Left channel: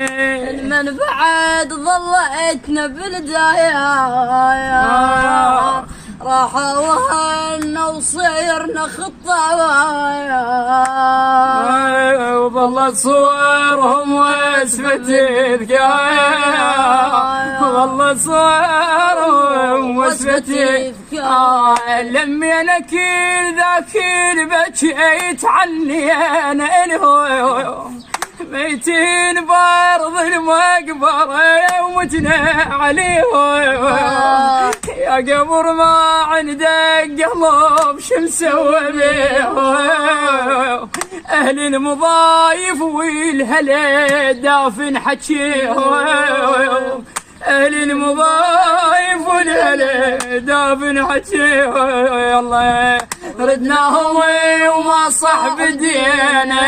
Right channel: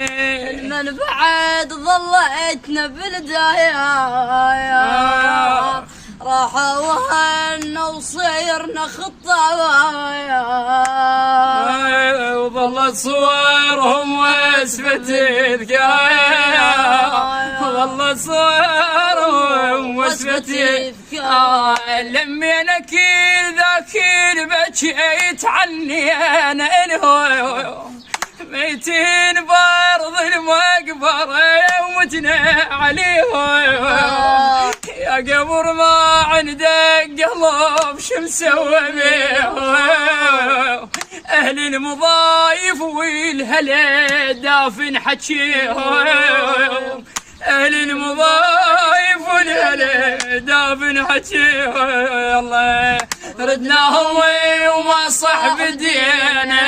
من بعد ضليتنا بالدايا راحوا وهنا وصيرنا خطايا وظلت صورهم واسفة ذكايا ظلت صورهم واسفة ذكايا لمينا كل ذاك بكيت عني انا انهو ميتين بارض المقبرة ومتنا عليه يا قبر ما عندك قلب شو نسوي بيه أهل المضايف والهلا دافن حكيه أهل المضايف والهلا دافن حكيه الله ردناهم وما صح بدينا